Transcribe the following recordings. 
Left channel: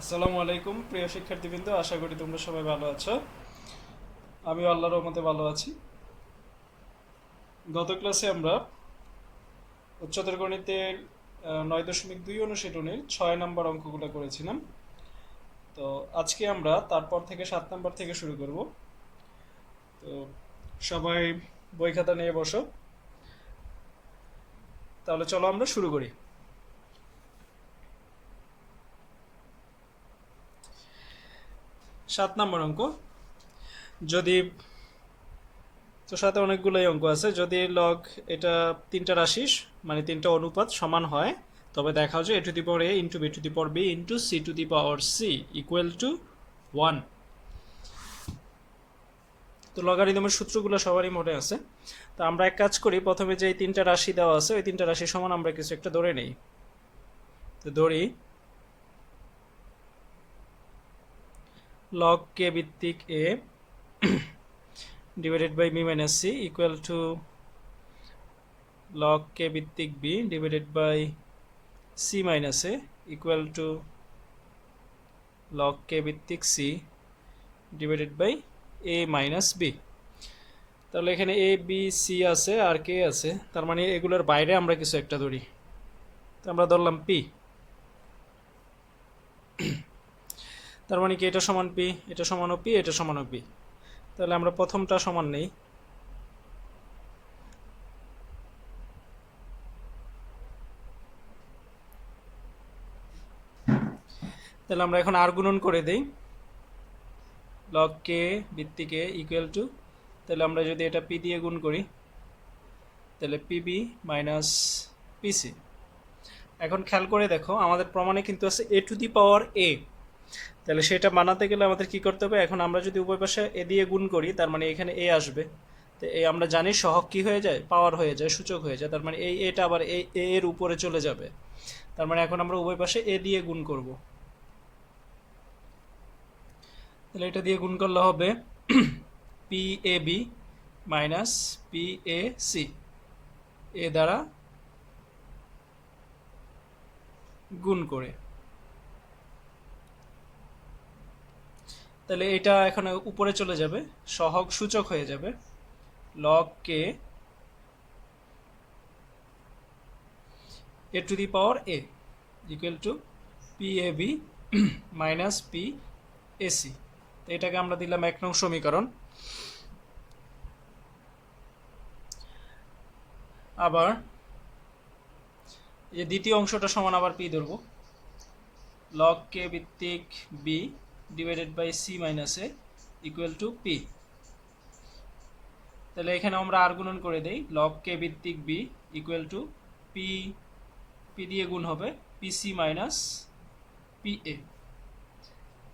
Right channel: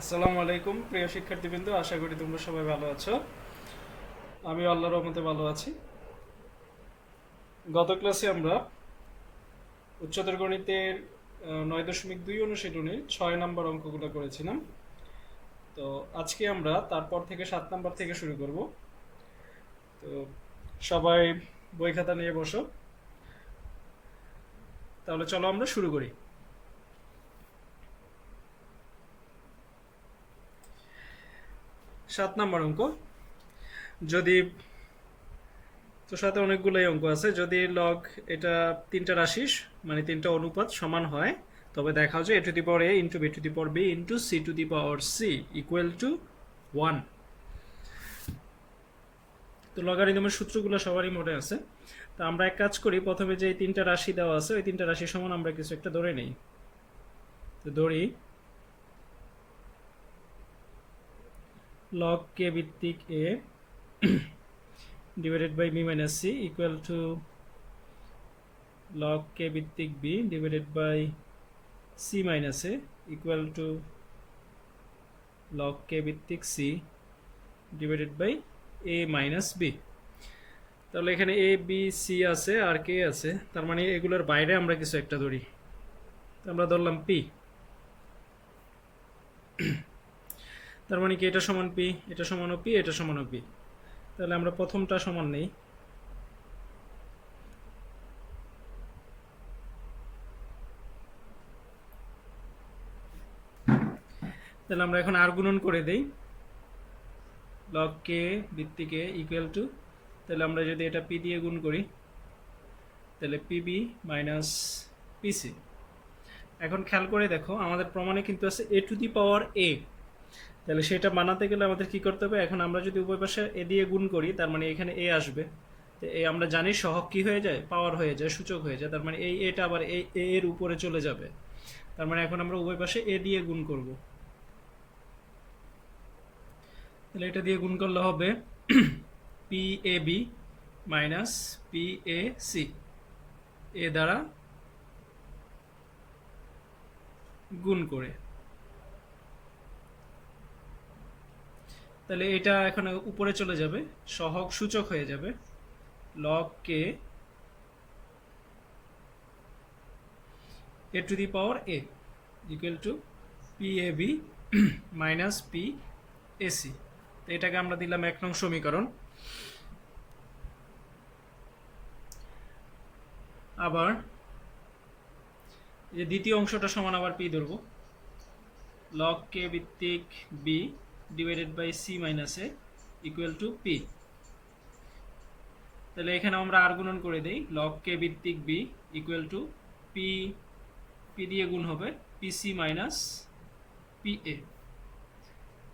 আসসালামু আলাইকুম প্রিয় শিক্ষার্থীবৃন্দ, আশা করি তোমরা সবাই ভালো আছো। আমি আল্লাহর রহমতে ভালো আছি। গত ক্লাসে আমরা উচ্চতর গণিতের 9.2 অনুশীলনী 6 নম্বর অঙ্কগুলো করেছিলাম। তো আজকে আমরা তারপর থেকে 7 নম্বর থেকে শুরু করব। তো সবাই বই খাতা নিয়ে বসো, তাহলে চলো আমরা শুরু করি। 7 নম্বর অঙ্ক। যদি তো সাথে অনেকগুলোই অঙ্ক আছে। যদি লগ এটা তিনটা রাশি মানে তিনটা অনুপাত সমান হয়, তবে দেখাও যে a to the power a into b to the power b into c to the power c equal to 1। তো লগারিদমের সূত্রগুলো সবারই মনে আছে। তো আমরা এক কাজ করি, প্রথমে যে তিনটা রাশি দেওয়া আছে ওই তিনটা রাশি সমান আমরা কিছু একটা ধরে নিই। তো ধরি লগ k ভিত্তিক a divided by b minus c equal to log k ভিত্তিক b divided by c minus a equal to log k ভিত্তিক c divided by a minus b। তাহলে এখানে a b c আছে আর k আছে, তার মানে এগুলোর বাইরে আমরা কিছু একটা ধরি। তো আমরা ধরলাম p, তার মানে কি এটা সমান p, এটা সমানও p, এটা সমানও p। তাহলে আমরা প্রথমটা সমান নেই। তাহলে আমরা এখন আর গুণন করে দেই, log k ভিত্তিক a ইকুয়াল টু, তাহলে আমরা যদি এটা p দিয়ে গুণ করি তাহলে pb মাইনাস pc। এখন খেয়াল করে দেখো, আমাদের প্রমাণে কিন্তু আছে a to the power a, তাহলে সেটা বানাতে গেলে আমাদের কি করতে হবে? এখন আমরা যদি উভয় পাশে a দিয়ে গুণ করি, তার মানে এখানে a আসবে। তো এই আমরা জানি সহগ কি হয়ে যায়, পাওয়ার হয়ে যায়, সূচক হয়ে যায়। তার মানে এই এটা আবার a এর উপরে চলে যাবে। তার মানে এখন আমরা উভয় পাশে a দিয়ে গুণ করব। তাহলে এটা দিয়ে গুণ করলে হবে PAB মাইনাস PAC, এ দ্বারা গুণ করে। তাহলে এটা এখন উপরে চলে যাবে, সহগ সূচক হয়ে যাবে log k a to the power a equal two PAB minus PAC। তো এটাকে আমরা দিলাম 1 নং সমীকরণ। আবার এই দ্বিতীয় অংশটা সমান আবার p ধরব, log k ভিত্তিক b divided by c minus a equal to p। তাহলে এখানে আমরা আর গুণন করে দেই, log k ভিত্তিক b ইকুয়াল টু p দিয়ে গুণ হবে pc মাইনাস pa।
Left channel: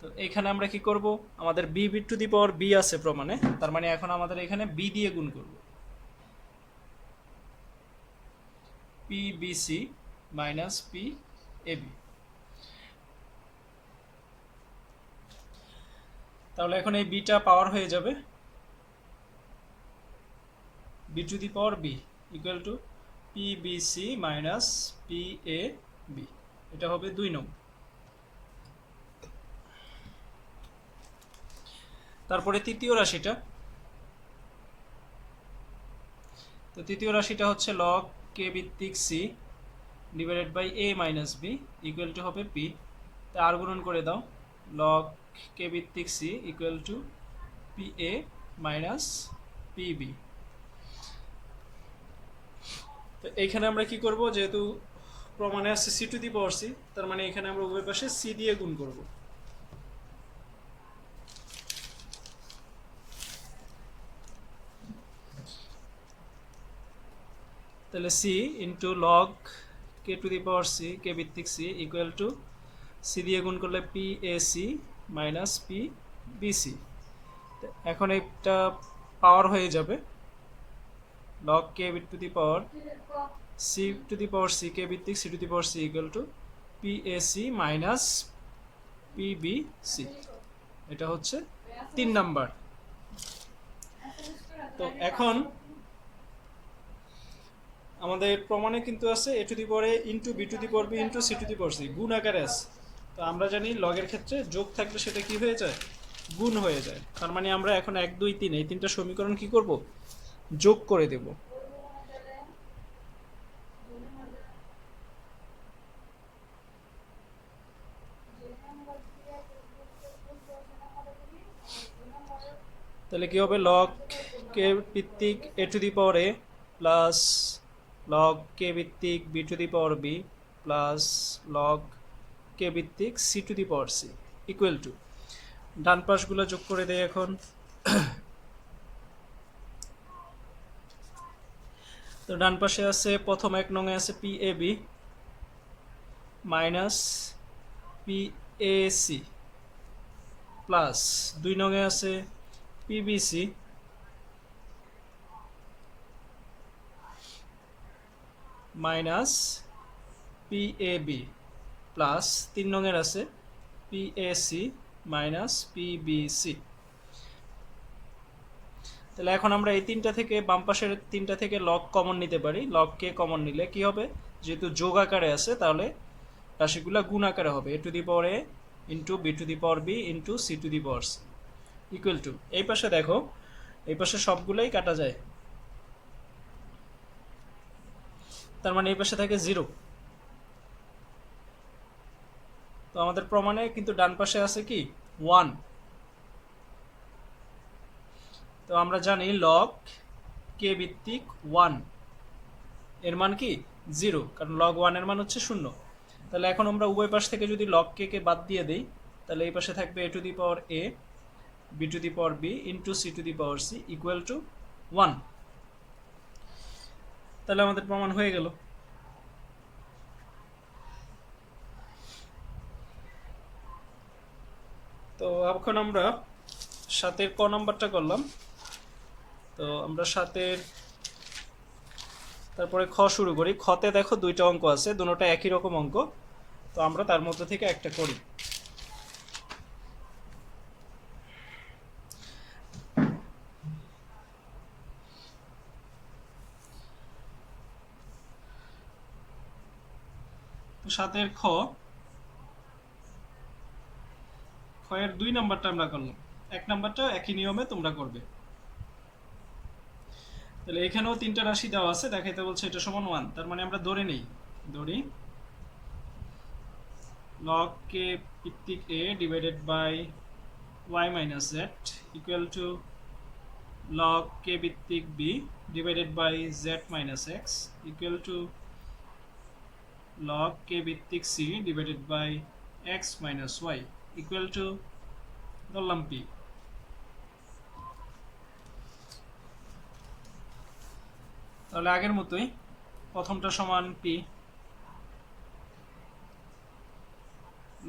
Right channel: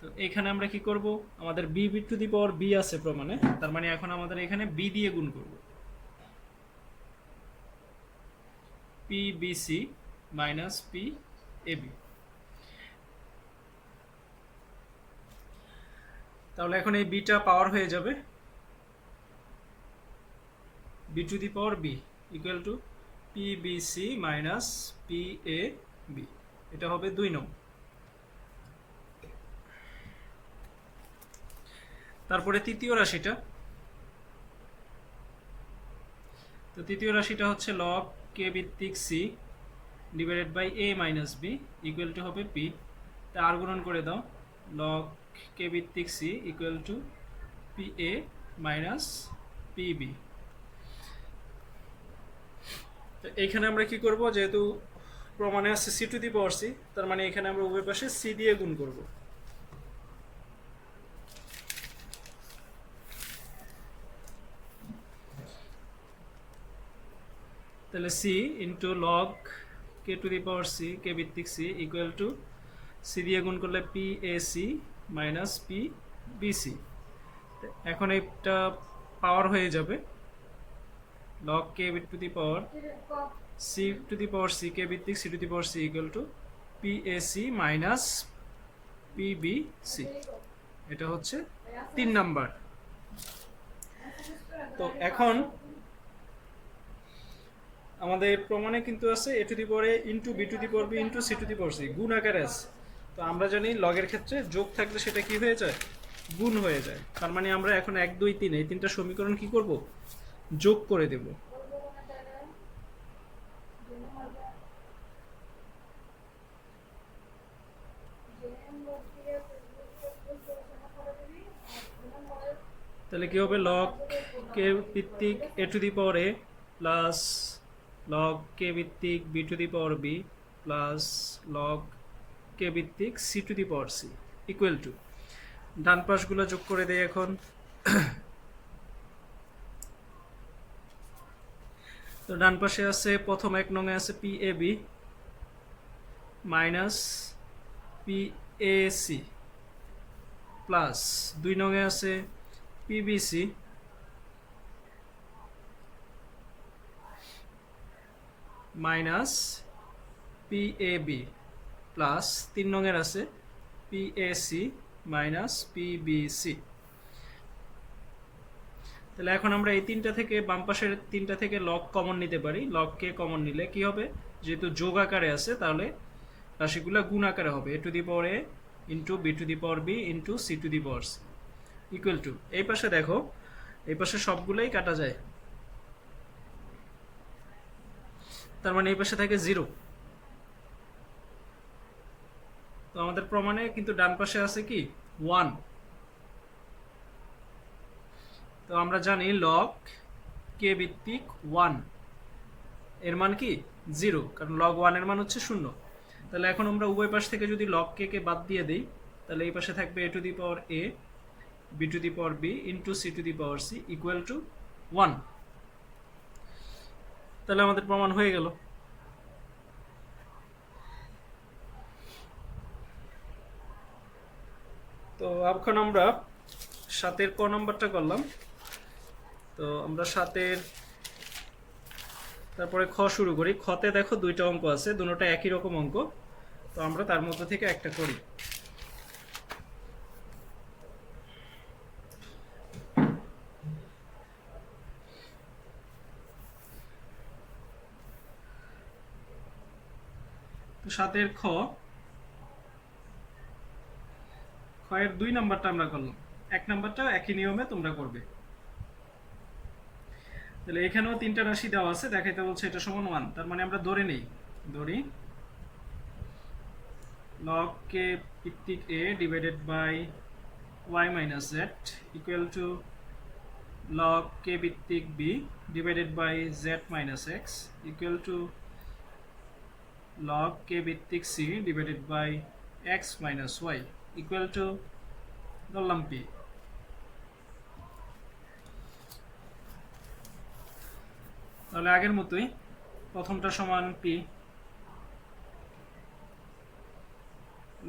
তো এখানে আমরা কি করব, আমাদের b to the power b আছে প্রমাণে, তার মানে এখন আমাদের এখানে b দিয়ে গুণ করব, pbc মাইনাস pab। তাহলে এখন এই বিটা পাওয়ার হয়ে যাবে b to the power b equal two pbc minus pab। এটা হবে 2 নং। তারপরে তৃতীয় রাশিটা, তো তৃতীয় রাশিটা হচ্ছে log k ভিত্তিক c divided by a minus b equal to হবে p। তা আর গুণন করে দাও, log k ভিত্তিক c equal two pa minus pb। তো এখানে আমরা কি করব, যেহেতু প্রমাণে আছে c to the power c, তার মানে এখানে আমরা উভয় পাশে c দিয়ে গুণ করব। তাহলে c into log K two the power c, কে ভিত্তিক c ইকুয়াল টু c দিয়ে গুণ করলে PAC মাইনাস PBC। এখন এটা পাওয়ার হয়ে যাবে log k to the power c to the power c, কে ভিত্তিক c to the power c equal two PAC minus PBC। এটা হচ্ছে 3 নাম্বার। তো এখন আমাদের প্রমাণে কিন্তু আছে a to the power a into b to the power b into c to the power c, গুণ আকারে আছে। তো আমরা জানি লগের ক্ষেত্রে যোগ থাকলে সেটা কি হয়ে যায়, গুণ হয়ে যায়। তার মানে আমরা এখন 1 2 3 এই তিনটা সমীকরণ কি করব, যোগ করে দেব। তাহলে কি হবে, লগ কে ভিত্তিক A to the power A plus log কে ভিত্তিক B to the power B plus log কে ভিত্তিক C to the power C equal to, ডান পাশগুলো যোগ করে দেই এখন। তো ডান পাশে আছে প্রথম 1 নং এ আছে P A B minus P A C plus 2 নং এ আছে পিবিসি মাইনাস পিএবি প্লাস 3 নং এর আছে পিএসি মাইনাস পিবিসি। তাহলে এখন আমরা এই তিনটা থেকে, বাম পাশের তিনটা থেকে লগ কমন নিতে পারি। লগ কে কমন নিলে কি হবে, যেহেতু যোগ আকারে আছে তাহলে রাশিগুলো গুণ আকারে হবে, A to the power A into B to the power B into C to the power C equal to, এই পাশে দেখো এই পাশে সবগুলোই কাটা যায়, তার মানে এই পাশে থাকে 0। তো আমাদের প্রমাণে কিন্তু ডান পাশে আছে কি 1। তো আমরা জানি লগ কে ভিত্তিক 1 এর মান কি 0, কারণ লগ 1 এর মান হচ্ছে 0। তাহলে এখন আমরা উভয় পাশ থেকে যদি লগ কে কে বাদ দিয়ে দিই, তাহলে এই পাশে থাকবে A to the power A B to the power B into C to the power C equal to 1। তাহলে আমাদের প্রমাণ হয়ে গেল। তো এখন আমরা 7 ক নাম্বারটা করলাম। তো আমরা 7 তারপরে খ শুরু করি। খতে দেখো 2টা অঙ্ক আছে, দুটোটা একই রকম অঙ্ক। তো আমরা তার মধ্যে থেকে একটা করি। তো 7 খ এর 2 নাম্বারটা আমরা করলাম, 1 নাম্বারটাও একই নিয়মে তোমরা করবে। তাহলে এখানেও 3টা রাশি দেওয়া আছে, দেখাইতে বলছে এটা সমান 1। তার মানে আমরা ধরে নেই, ধরি log k ভিত্তিক a divided by y minus z equal to log k ভিত্তিক b divided by z minus x equal to log k ভিত্তিক c divided by x minus y equal to ধরলাম p। তাহলে আগের মতোই প্রথমটা সমান p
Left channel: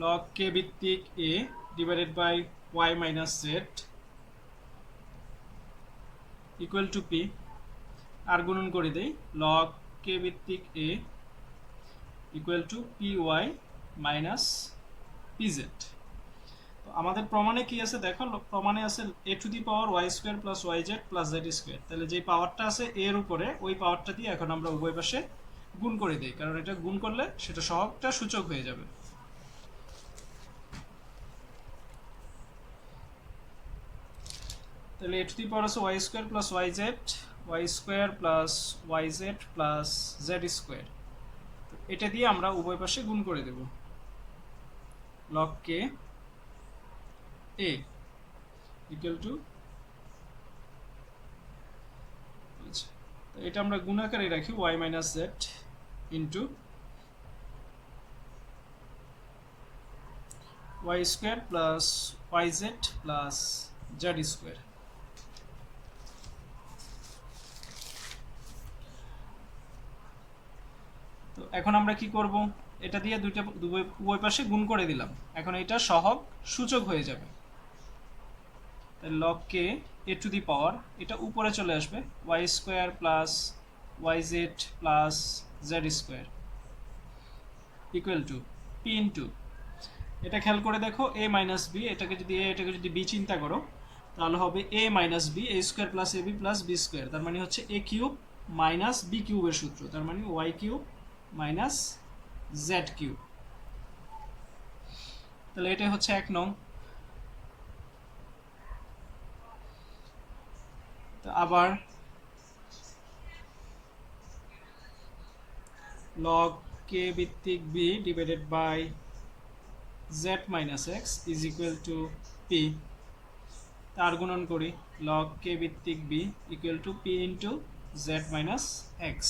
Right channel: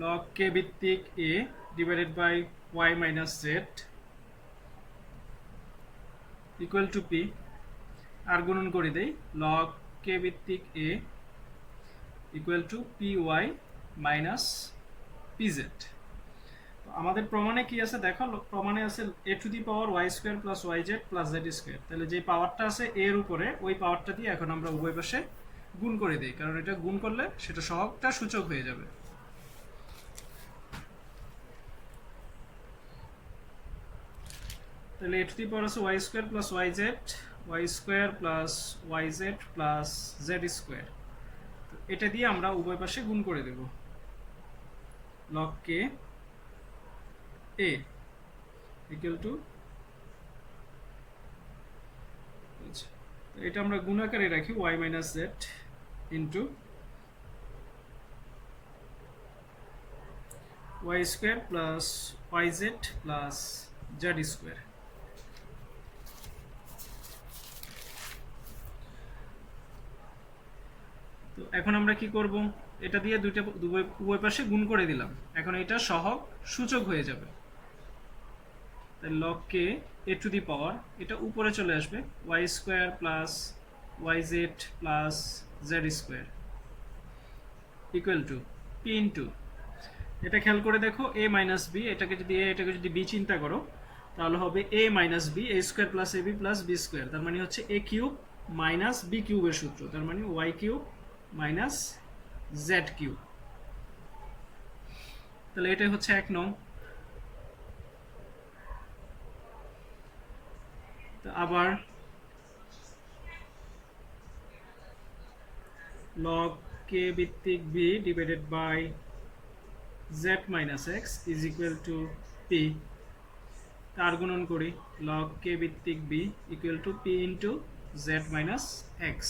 log k ভিত্তিক a divided by y minus z equal to p, আর গুণন করে দেই log k ভিত্তিক a equal to py minus pz। আমাদের প্রমাণে কি আছে দেখো, প্রমাণে আছে a to the power y square plus yz plus z square. তাহলে যে পাওয়ারটা আছে এর উপরে, ওই পাওয়ারটা দিয়ে এখন আমরা উভয় পাশে গুণ করে দিই, কারণ এটা গুণ করলে সেটা সহগটা সূচক হয়ে যাবে। তাহলে a টু দি পাওয়ার আছে y square plus yz, y square plus yz plus z square. এটা দিয়ে আমরা উভয় পাশে গুণ করে দেব। log k a equal two, এটা আমরা গুণ আকারে রাখি y minus z into y square plus yz plus z square. তো এখন আমরা কি করব, এটা দিয়ে উভয় পাশে গুণ করে দিলাম, এখন এটা সহগ সূচক হয়ে যাবে। তাই log k a to the power, এটা উপরে চলে আসবে y square plus yz plus z square equal to p into, এটা খেয়াল করে দেখো a মাইনাস b, এটাকে যদি b চিন্তা করো তাহলে হবে a minus b, a square plus ab plus b square. তার মানে হচ্ছে a কিউব মাইনাস b কিউবের সূত্র, তার মানে y cube minus z cube. তাহলে এটা হচ্ছে 1 নং। তো আবার log k ভিত্তিক b divided by z minus x is equal to p. তার গুণন করি log k ভিত্তিক b equal to p into z minus x.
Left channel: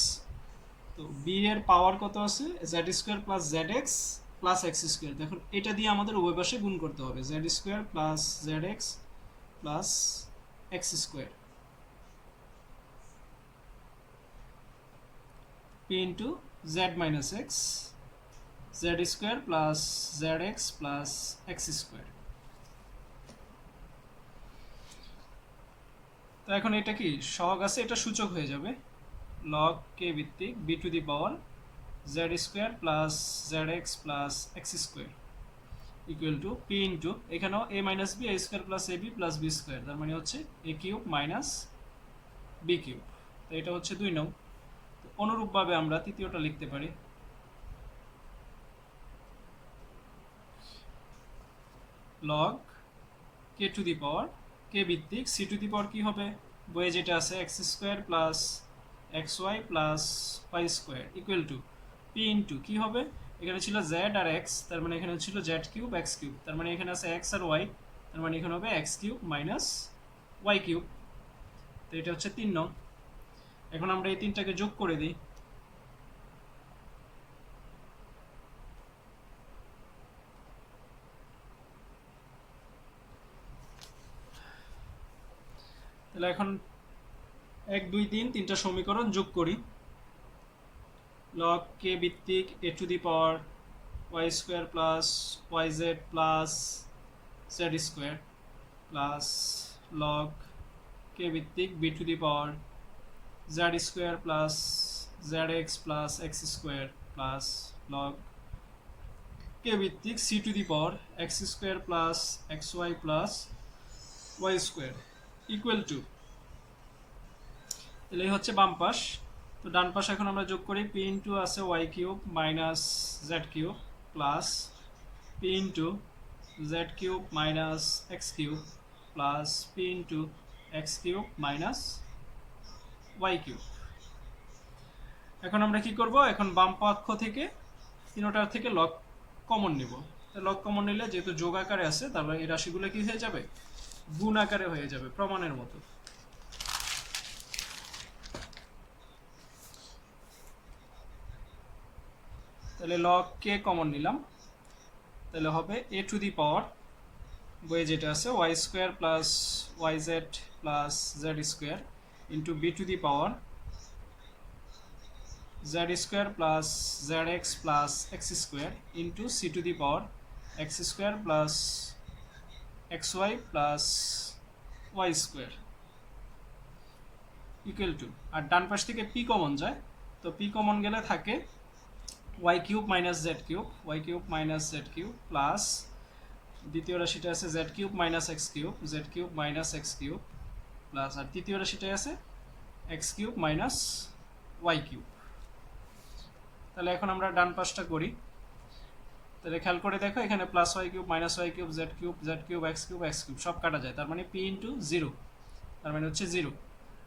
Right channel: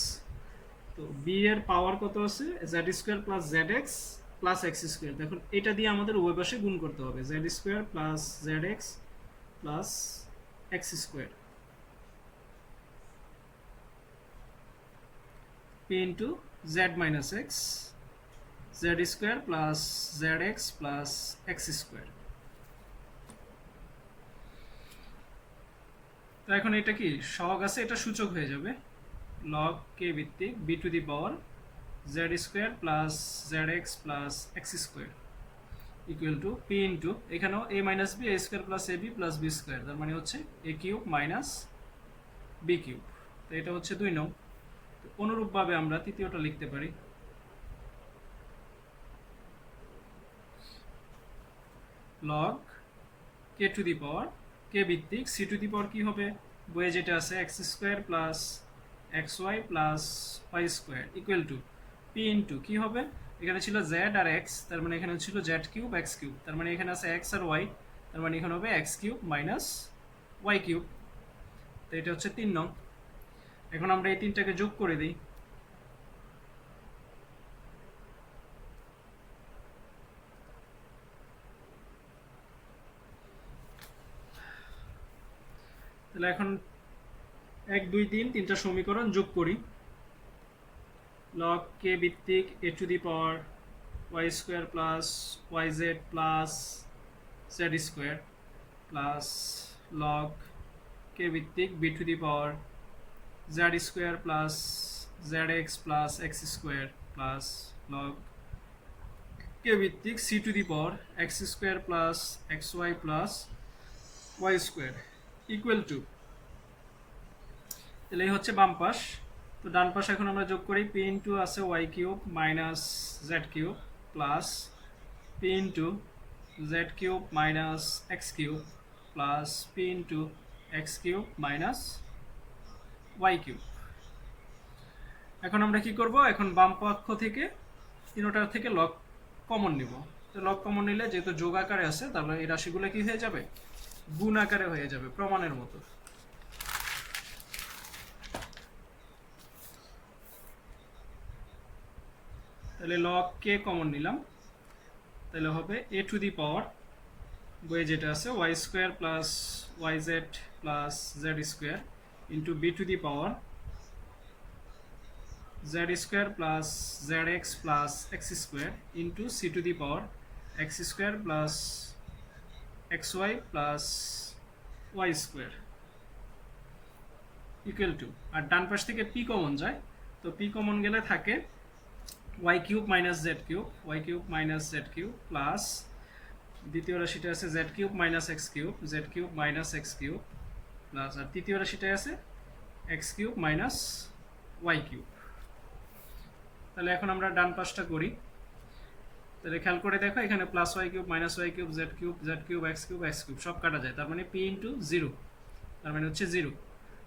তো b এর পাওয়ার কত আছে z square plus z x plus x square. দেখুন এটা দিয়ে আমাদের উভয় পাশে গুণ করতে হবে, z square plus z x plus x square p into z minus x z square plus z x plus x square. তো এখন এটা কি সহগ আছে, এটা সূচক হয়ে যাবে log k ভিত্তিক b to the power z square plus z x plus x square equal to p into এখানেও a minus b a square plus a b plus b square, তার মানে হচ্ছে a cube minus b cube. তো এটা হচ্ছে 2 নং। অনুরূপভাবে আমরা তৃতীয়টা লিখতে পারি log k to the power k ভিত্তিক c টু দি পাওয়ার কি হবে, বইয়ে যেটা আছে x square plus x y plus y square equal to p into কি হবে, এখানে ছিল জেড আর এক্স, তার মানে এখানে ছিল জেড কিউব এক্স কিউব, তার মানে এখানে আছে এক্স আর ওয়াই, তার মানে এখানে হবে x cube minus Y cube. তো এটা হচ্ছে 3 নং। এখন আমরা এই তিনটাকে যোগ করে দিই, তাহলে এখন 1 2 3 তিনটা সমীকরণ যোগ করি log k ভিত্তিক a to the power y square plus yz plus z square plus log k ভিত্তিক b to the power z square plus zx plus x square plus log k ভিত্তিক c to the power x square plus xy plus y square equal two, তাহলে এই হচ্ছে বাম পাশ। তো ডান পাশ এখন আমরা যোগ করি পি ইন্টু আছে y cube minus Z cube plus p into z cube minus x cube plus p into x cube minus Y cube. এখন আমরা কি করব, এখন বাম পক্ষ থেকে তিনটার থেকে লগ কমন নিব। তো লগ কমন নিলে যেহেতু যোগ আকারে আছে, তারপরে এই রাশিগুলো কি হয়ে যাবে, গুণ আকারে হয়ে যাবে প্রমাণের মতো। তাহলে log k কমন নিলাম, তাহলে হবে a টু দি পাওয়ার বইয়ে যেটা আছে y square plus yz plus z square into b to the power z square plus zx plus x square into c to the power x square plus xy plus y square equal to, আর ডান পাশ থেকে p common যায়, তো p common গেলে থাকে y cube minus Z cube, y cube minus Z cube plus দ্বিতীয় রাশিটা আছে Z cube minus x cube, Z cube minus x cube plus আর তৃতীয় রাশিটাই আছে X cube minus Y cube. তাহলে এখন আমরা ডান পাশটা করি, তাহলে খেয়াল করে দেখো এখানে plus y cube minus Y cube Z cube x cube সব কাটা যায়, তার মানে পি ইন্টু জিরো, তার মানে হচ্ছে জিরো।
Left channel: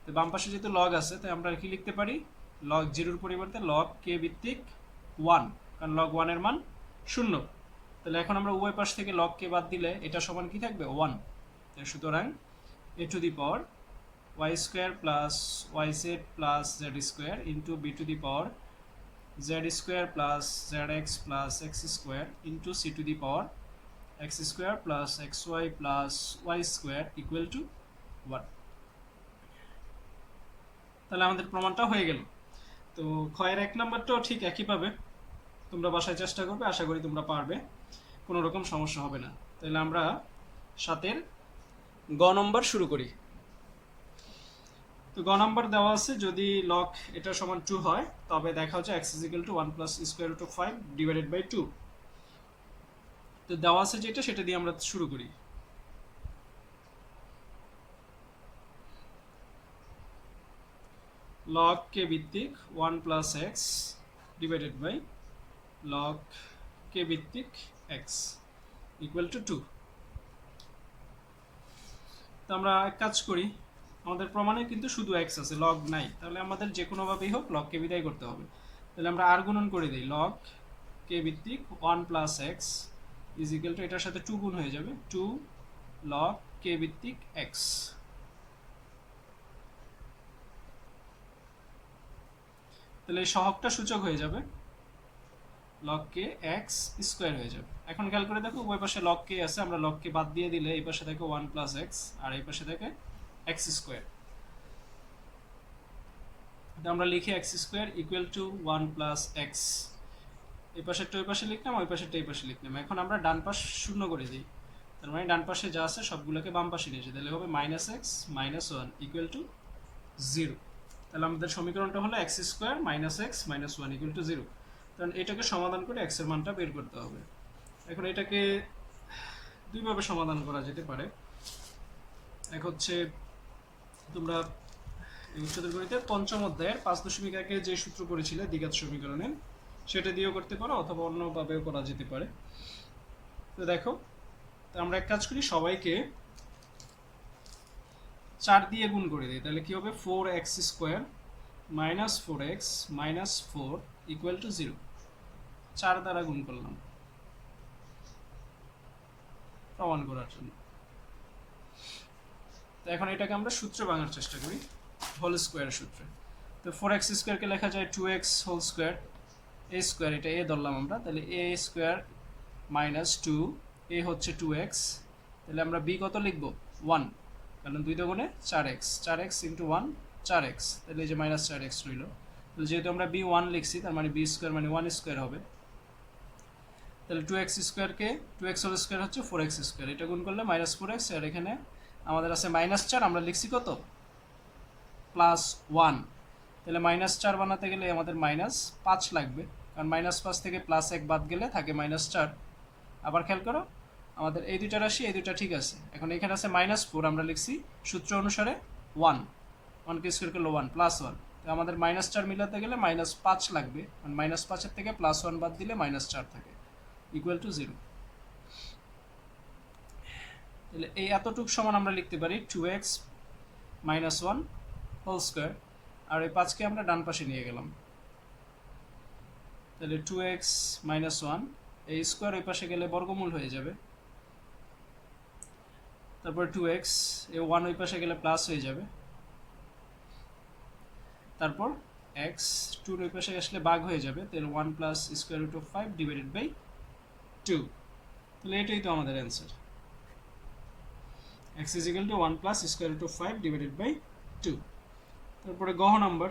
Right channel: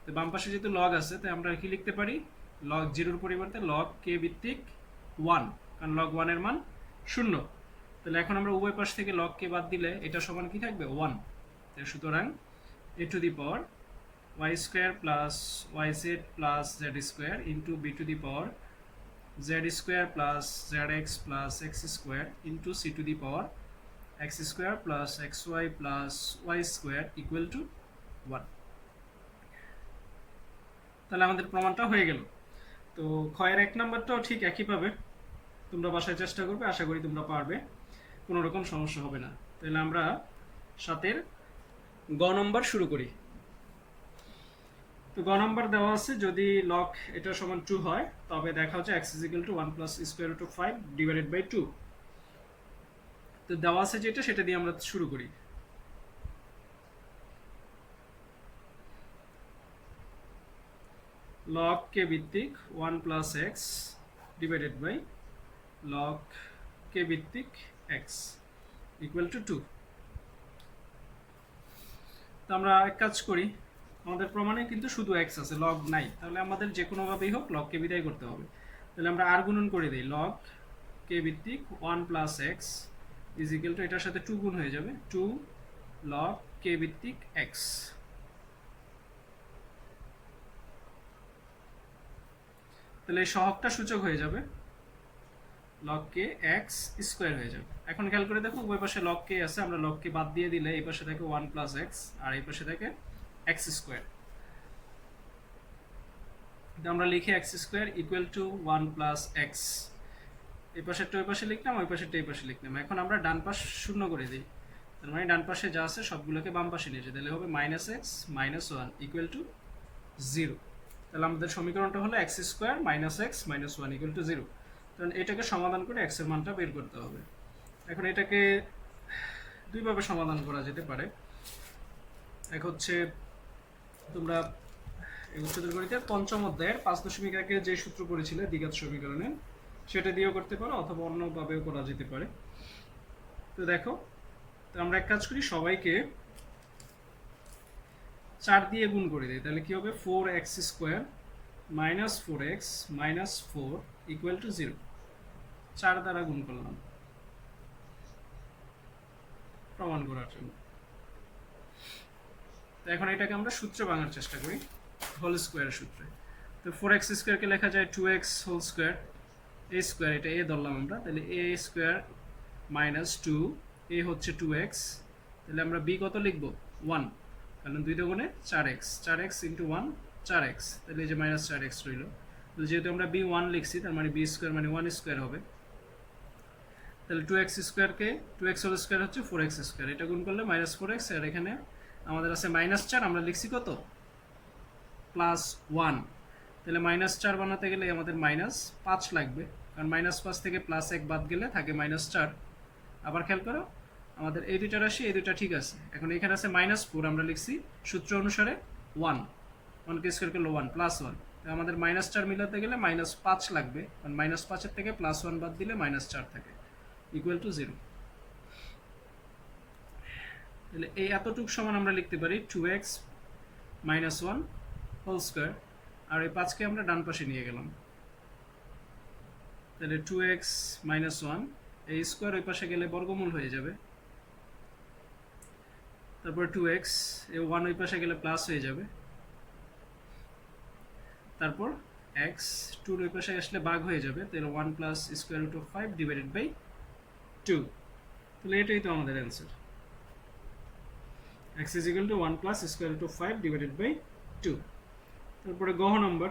তো বাম পাশে যেহেতু লগ আছে তাই আমরা কি লিখতে পারি, লগ জিরোর পরিবর্তে লগ কে ভিত্তিক 1, কারণ log 1 এর মান 0। তাহলে এখন আমরা উভয় পাশ থেকে log কে বাদ দিলে এটা সমান কি থাকবে 1। সুতরাং a to the power y square plus yz plus z square into b to the power z square plus zx plus x square into c to the power x square plus xy plus y square equal to 1। তাহলে আমাদের প্রমাণটা হয়ে গেল। তো ক্ষয়ের 1 নম্বরটাও ঠিক একই পাবে, তোমরা বাসায় চেষ্টা করবে, আশা করি তোমরা পারবে, কোনো রকম সমস্যা হবে না। তাহলে আমরা 7-এর গ নম্বর শুরু করি। তো গ নম্বর দেওয়া আছে যদি লগ এটা সমান 2 হয় তবে দেখা হচ্ছে x = 1 + square root of 5 divided by 2। তো দেওয়া আছে যেটা সেটা দিয়ে আমরা শুরু করি। log k ভিত্তিক 1 + x divided by log k ভিত্তিক x ইকুয়াল টু 2। তো আমরা এক কাজ করি, আমাদের প্রমাণে কিন্তু শুধু এক্স আছে, লগ নাই, তাহলে আমাদের যে কোনোভাবেই হোক লগকে বিদায় করতে হবে। তাহলে আমরা আর গুণন করে দিই, লগ কে ভিত্তিক 1 plus x is equal two, এটার সাথে 2 গুণ হয়ে যাবে, 2 লগ কে ভিত্তিক এক্স। তাহলে এই সহগটা সূচক হয়ে যাবে, লগ কে এক্স স্কোয়ার হয়ে যাবে। এখন খেয়াল করে দেখো ওই পাশে লগ কে আছে, আমরা লগ কে বাদ দিয়ে দিলে এই পাশে থাকে 1 প্লাস এক্স আর এই পাশে থাকে এক্স স্কোয়ার। আমরা লিখি x square equal to 1 plus x, এই পাশেরটা ওই পাশে লিখলাম, ওই পাশেরটা এই পাশে লিখলাম। এখন আমরা ডান পাশ শূন্য করে দিই, তার মানে ডান পাশে যা আছে সবগুলোকে বাম পাশে নিয়ে যাই, তাহলে হবে minus x minus 1 equal to 0। তাহলে আমাদের সমীকরণটা হলো x square minus x minus 1 equal to 0। কারণ এটাকে সমাধান করে এক্সের মানটা বের করতে হবে। এখন এটাকে দুইভাবে সমাধান করা যেতে পারে। এক হচ্ছে তোমরা উচ্চতর গণিতের পঞ্চম অধ্যায়ের 5.1 যে সূত্র পড়েছিলে দ্বিঘাত সমীকরণে, সেটা দিয়েও করতে পারো অথবা অন্যভাবেও করা যেতে পারে। তো দেখো, তো আমরা এক কাজ করি, সবাইকে 4 দিয়ে গুণ করে দিই, তাহলে কি হবে 4x square minus 4x minus 4 equal to 0। 4 দ্বারা গুণ করলাম প্রমাণ করার জন্য। তো এখন এটাকে আমরা সূত্রে ভাঙার চেষ্টা করি, হোল স্কোয়ারের সূত্রে। তো 4x স্কোয়ারকে লেখা যায় 2x হোল স্কোয়ার, এ স্কোয়ার, এটা এ ধরলাম আমরা, তাহলে এ স্কোয়ার মাইনাস 2, এ হচ্ছে 2x, তাহলে আমরা বি কত লিখব 1, কারণ 2 দুগুণে 4x, 4x ইন্টু 1 4x, তাহলে এই যে মাইনাস 4x রইল। তাহলে যেহেতু আমরা বি 1 লিখছি, তার মানে বি স্কোয়ার মানে 1 স্কোয়ার হবে। তাহলে 2x স্কোয়ারকে 2x হোল স্কোয়ার হচ্ছে 4x স্কোয়ার, এটা গুণ করলে মাইনাস 4x, আর এখানে আমাদের আছে মাইনাস 4, আমরা লিখছি কত প্লাস 1। তাহলে মাইনাস 4 বানাতে গেলে আমাদের মাইনাস 5 লাগবে, কারণ মাইনাস 5 থেকে প্লাস 1 বাদ গেলে থাকে মাইনাস 4। আবার খেয়াল করো, আমাদের এই দুইটা রাশি এই দুইটা ঠিক আছে। এখন এখানে আছে মাইনাস 4, আমরা লিখছি সূত্র অনুসারে 1, 1কে স্কোয়ার করলে 1 প্লাস 1, তো আমাদের মাইনাস 4 মিলাতে গেলে মাইনাস 5 লাগবে, কারণ মাইনাস 5-এর থেকে প্লাস 1 বাদ দিলে মাইনাস 4 থাকে, ইকুয়াল টু 0। তাহলে এই এতটুকু সমান আমরা লিখতে পারি 2x মাইনাস 1 হোল স্কোয়ার, আর এই 5কে আমরা ডান পাশে নিয়ে গেলাম, তাহলে 2x মাইনাস 1, এই স্কোয়ার ওই পাশে গেলে বর্গমূল হয়ে যাবে, তারপর 2x, এই 1 ওই পাশে গেলে প্লাস হয়ে যাবে, তারপর x 2 ওই পাশে আসলে ভাগ হয়ে যাবে, তাহলে 1 plus square root of 5 divided by 2। তাহলে এটাই তো আমাদের answer, x is equal to 1 plus square root of 5 divided by 2। তারপরে গহ নাম্বার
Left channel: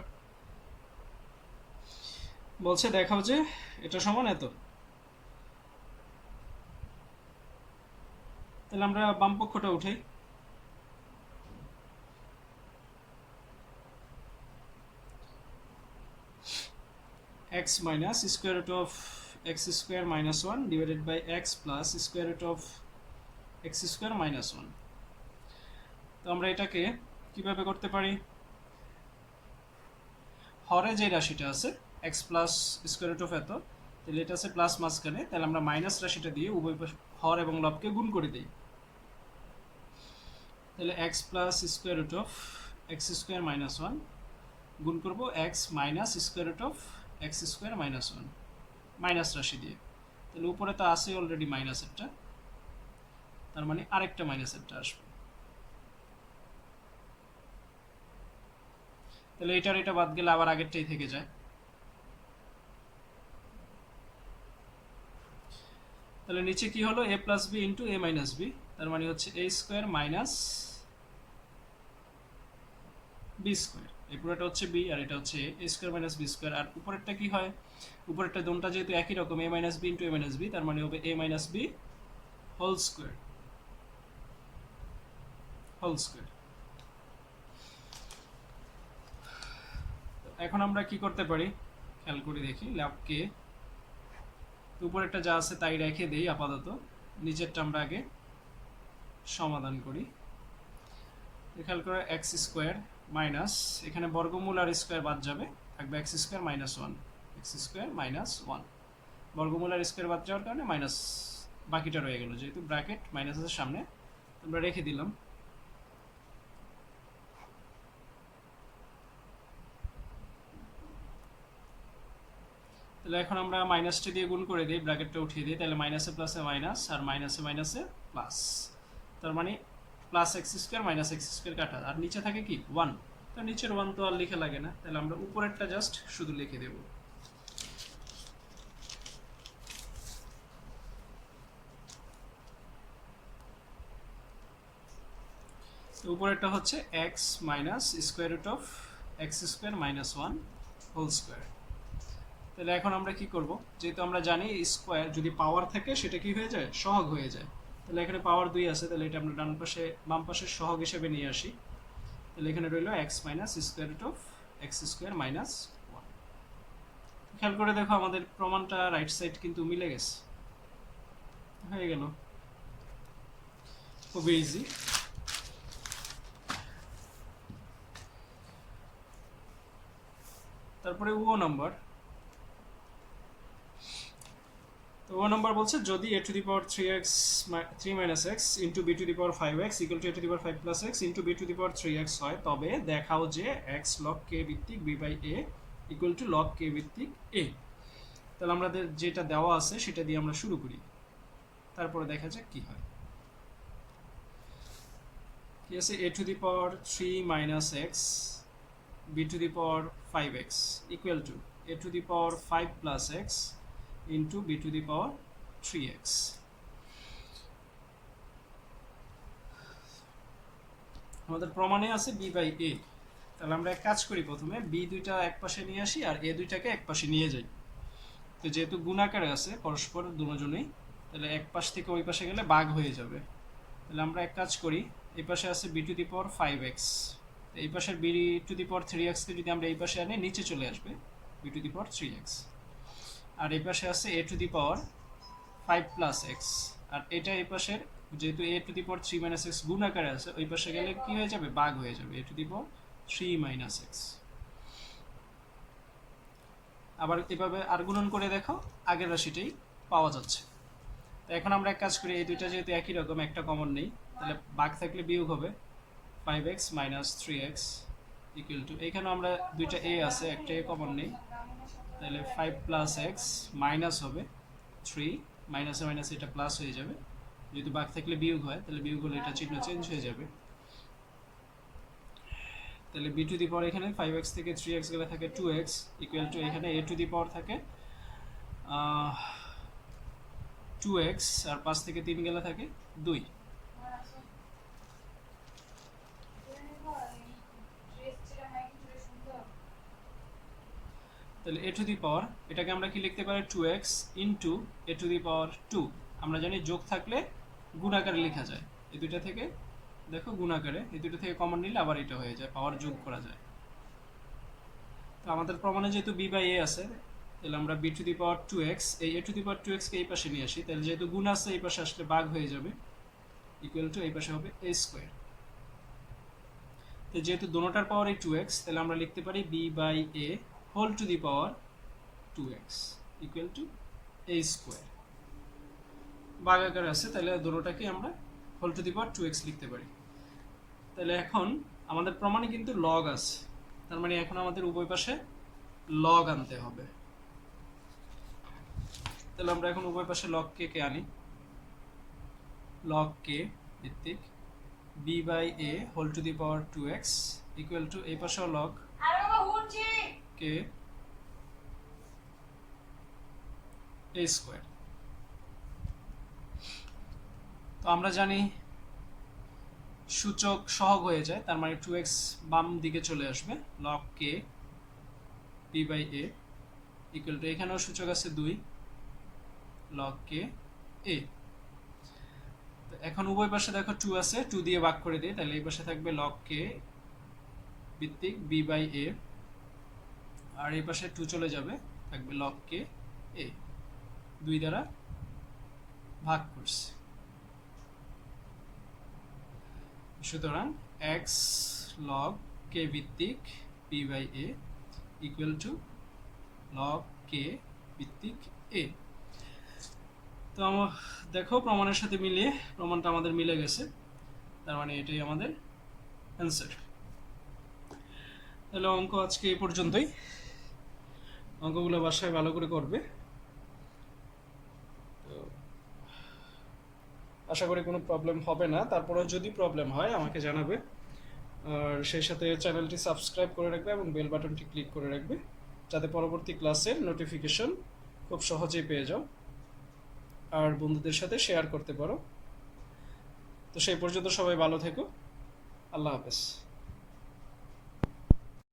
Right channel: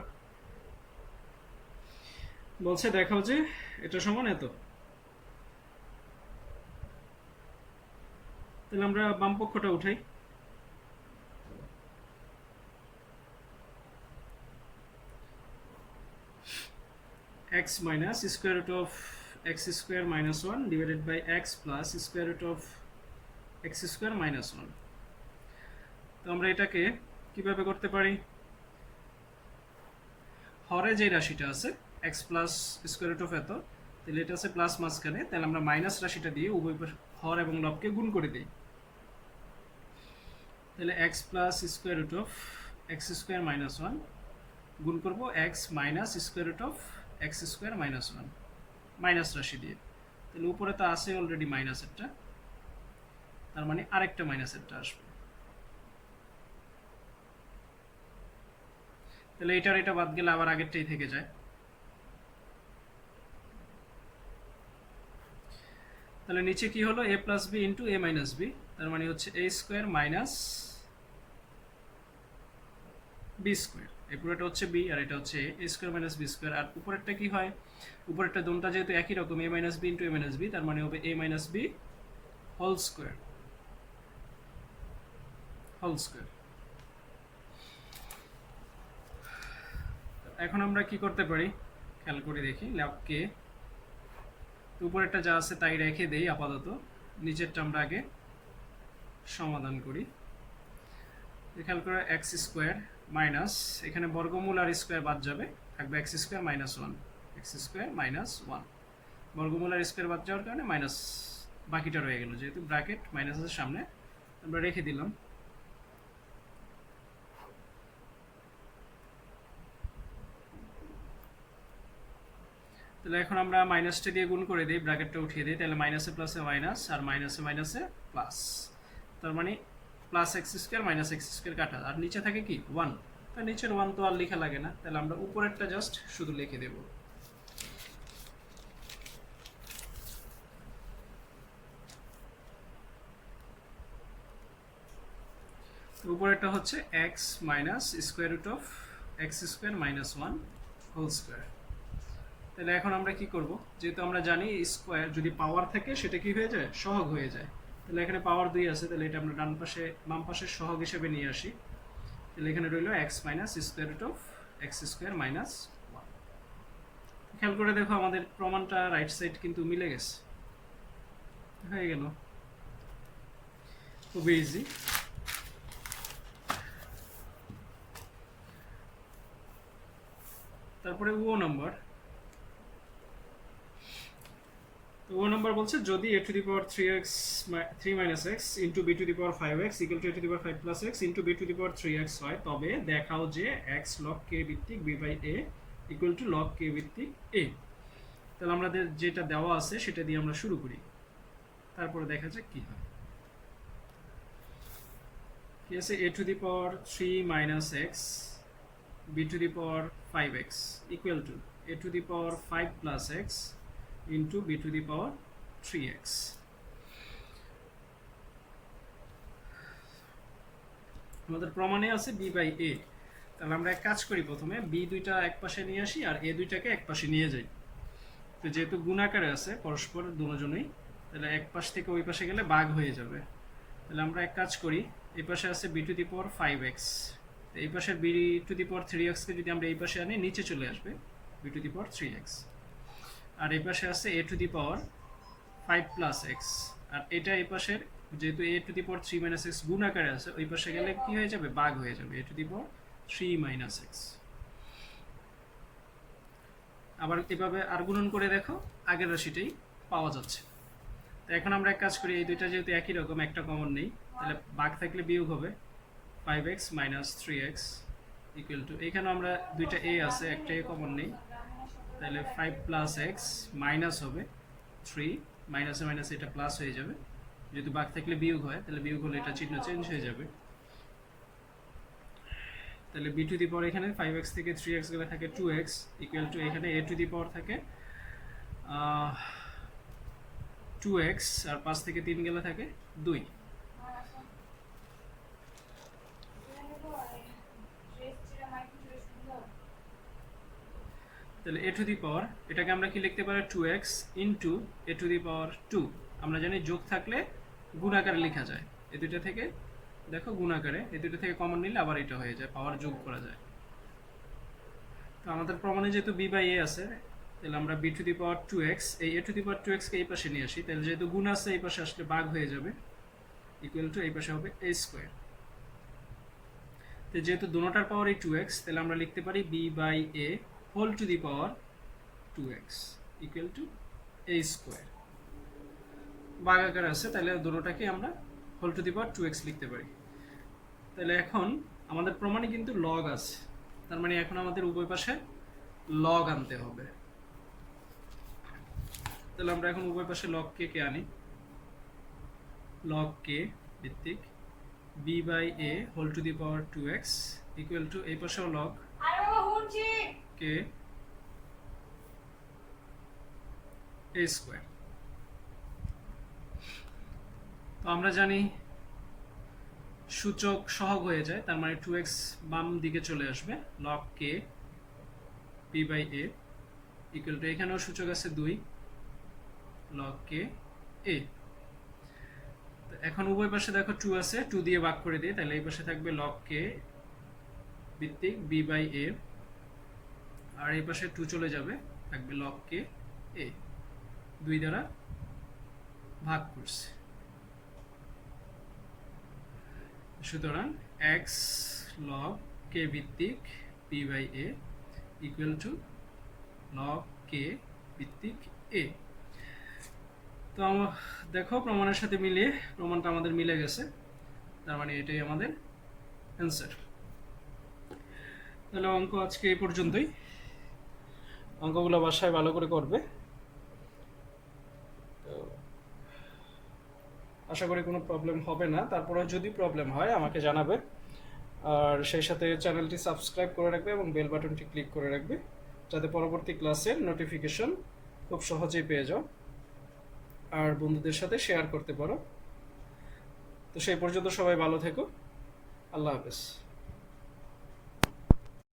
বলছে দেখাও যে এটা সমান এত। তাহলে আমরা বাম পক্ষটা উঠাই, x minus square root of x square minus 1 divided by x plus square root of x square minus 1। তো আমরা এটাকে কিভাবে করতে পারি, হরে যে রাশিটা আছে x plus square root of এত, তাহলে এটা আছে প্লাস মাঝখানে, তাহলে আমরা মাইনাস রাশিটা দিয়ে উভয় হর এবং লবকে গুণ করে দিই, তাহলে x plus square root of x square minus 1 গুণ করবো x minus square root of x square minus 1 minus রাশি দিয়ে, তাহলে উপরে তো আছে অলরেডি মাইনাসেরটা, তার মানে আরেকটা মাইনাসেরটা আসবে, তাহলে এটার এটা বাদ গেলে আবার আগেরটাই থেকে যায়। তাহলে নিচে কি হলো a plus B into A minus B, তার মানে হচ্ছে A square minus B square, এই পুরোটা হচ্ছে বি আর এটা হচ্ছে A square minus B square. আর উপরেরটা কি হয়, উপরেরটা দোনটা যেহেতু একই রকম A minus B into A minus B, তার মানে হবে A minus B whole square, whole square. এখন আমরা কি করতে পারি খেয়াল করে দেখি, ল্যাবকে উপরেরটা যা আছে তাই রেখে দেই আপাতত, নিচেরটা আমরা আগে সমাধান করি। খেয়াল করে এক্স স্কোয়ার মাইনাস, এখানে বর্গমূল আর স্কোয়ার বাদ যাবে, থাকবে x square minus 1, x square minus 1, বর্গমূল আর স্কোয়ার বাদ যাওয়ার কারণে মাইনাস বাকিটা রয়ে গেল, যেহেতু ব্র্যাকেট মাইনাসের সামনে আমরা রেখে দিলাম। তাহলে এখন আমরা মাইনাসটা দিয়ে গুণ করে দিই, ব্র্যাকেটটা উঠিয়ে দিই, তাহলে মাইনাসে প্লাসে মাইনাস আর মাইনাসে মাইনাসে প্লাস, তার মানে plus x square minus x square কাটা, আর নিচে থাকে কি 1, তো নিচের 1 তো আর লেখা লাগে না, তাহলে আমরা উপরেরটা জাস্ট শুধু লিখে দেব। উপরেরটা হচ্ছে x minus square root of x square minus 1 whole square. তাহলে এখন আমরা কি করব, যেহেতু আমরা জানি স্কোয়ার যদি পাওয়ার থাকে সেটা কি হয়ে যায়, সহগ হয়ে যায়। তাহলে এখানে পাওয়ার 2 আছে, তাহলে এটা আমরা ডান পাশে বাম পাশের সহগ হিসেবে নিয়ে আসি। তাহলে এখানে রইল x minus square root of x square minus 1। খেয়াল করে দেখো আমাদের প্রমাণটা রাইট সাইড কিন্তু মিলে গেছে, হয়ে গেল, খুবই ইজি। তারপরে ও নাম্বার, তো ও নাম্বার বলছে যদি a to the power 3x 3 minus x into b to the power 5x equal to a to the power 5 plus x into b to the power 3x হয়, তবে দেখাও যে x log k ভিত্তিক b by a equal to log k ভিত্তিক a। তাহলে আমাদের যেটা দেওয়া আছে সেটা দিয়ে আমরা শুরু করি, তারপরে দেখা যাক কি হয়। কি আছে, a to the power 3 minus x b to the power 5x equal to a to the power 5 plus x into b to the power 3x। আমাদের প্রমাণে আছে b বাই a, তাহলে আমরা এক কাজ করি, প্রথমে b দুইটা এক পাশে নিয়ে আসি আর a দুইটাকে এক পাশে নিয়ে যাই। তো যেহেতু গুণাকারে আছে পরস্পর দুজনেই, তাহলে এক পাশ থেকে ওই পাশে গেলে ভাগ হয়ে যাবে। তাহলে আমরা এক কাজ করি, এই পাশে আছে b to the power 5x, এই পাশের b to the power 3x কে যদি আমরা এই পাশে আনি নিচে চলে আসবে b to the power 3x, আর এই পাশে আছে a to the power 5 plus x, আর এটা এই পাশের যেহেতু a to the power 3 minus x গুণ আকারে আছে, ওই পাশে গেলে কি হয়ে যাবে, ভাগ হয়ে যাবে a to the power 3 minus x। আবার এভাবে আর গুণন করে দেখো, আগের রাশিটাই পাওয়া যাচ্ছে। তো এখন আমরা এক কাজ করি, এই দুইটা যেহেতু একই রকম, একটা কমন নেই, তাহলে ভাগ থাকলে বিয়োগ হবে 5x minus 3x equal to, এখানেও আমরা দুইটা a আছে, একটা a কমন নেই, তাহলে 5 প্লাস এক্স মাইনাস হবে 3, মাইনাসে মাইনাসে এটা প্লাস হয়ে যাবে, যেহেতু ভাগ থাকলে বিয়োগ হয়, তাহলে বিয়োগ হলে এটা চিহ্ন চেঞ্জ হয়ে যাবে। তাহলে b টু দি পাওয়ার এখানে 5x থেকে 3x গেলে থাকে 2x ইকুয়াল টু, এখানে a টু দি পাওয়ার থাকে 2x আর 5 থেকে 3 গেলে থাকে 2। তাহলে a টু দি পাওয়ার এটাকে আমরা কি লিখতে পারি, 2x into a to the power 2। আমরা জানি যোগ থাকলে গুণাকারে লেখা যায়, এই দুইটা থেকে দেখো গুণাকারে, এই দুটো থেকে কমন নিলে আবার এটা হয়ে যায়, পাওয়ার যোগ করা যায়। তো আমাদের প্রমাণে যেহেতু b বাই a আছে, তাহলে আমরা b to the power 2x, এই a to the power 2x কে এই পাশে নিয়ে আসি, তাহলে যেহেতু গুণ আছে এই পাশে আসলে ভাগ হয়ে যাবে, ইকুয়াল টু এই পাশে হবে a স্কোয়ার। তো যেহেতু দুটোটার পাওয়ার এই 2x, তাহলে আমরা লিখতে পারি b by a whole to the power 2x equal to a square. ভাগ আকারে আছে, তাহলে দুটোটাকে আমরা whole to the power 2x লিখতে পারি। তাহলে এখন আমাদের প্রমাণে কিন্তু লগ আছে, তার মানে এখন আমাদের উভয় পাশে লগ আনতে হবে। তাহলে আমরা এখন উভয় পাশে লগ কে কে আনি, লগ কে ভিত্তিক b by a whole to the power 2x equal to এই পাশেও লগ কে a স্কোয়ার। তো আমরা জানি সূচক সহগ হয়ে যায়, তার মানে 2x বাম দিকে চলে আসবে, log k b by a equal to, এখানেও সূচক আছে 2 log k a। তো এখন উভয় পাশে দেখো 2 আছে, 2 দিয়ে ভাগ করে দিই, তাহলে এই পাশে থাকবে log k ভিত্তিক b বাই a, আর এই পাশে 2 চলে যাবে, থাকবে log k a, 2 দ্বারা ভাগ করছে। সুতরাং x log k ভিত্তিক b by a equal to log k ভিত্তিক a। তো দেখো প্রমাণের সাথে মিলিয়ে প্রমাণটা আমাদের মিলে গেছে, তার মানে এটাই আমাদের অ্যান্সার। তাহলে অঙ্ক আজকে এই পর্যন্তই। অঙ্কগুলো বাসায় ভালো করে করবে। তো আশা করি কোনো প্রবলেম হবে না, তারপরে যদি প্রবলেম হয় আমাকে জানাবে। আর সেই সাথে চ্যানেলটি সাবস্ক্রাইব করে রাখবে এবং বেল বাটনটি ক্লিক করে রাখবে, যাতে পরবর্তী ক্লাসের নোটিফিকেশন খুব সহজেই পেয়ে যাও আর বন্ধুদের সাথে শেয়ার করতে পারো। তো সেই পর্যন্ত সবাই ভালো থেকো। আল্লাহ হাফেজ।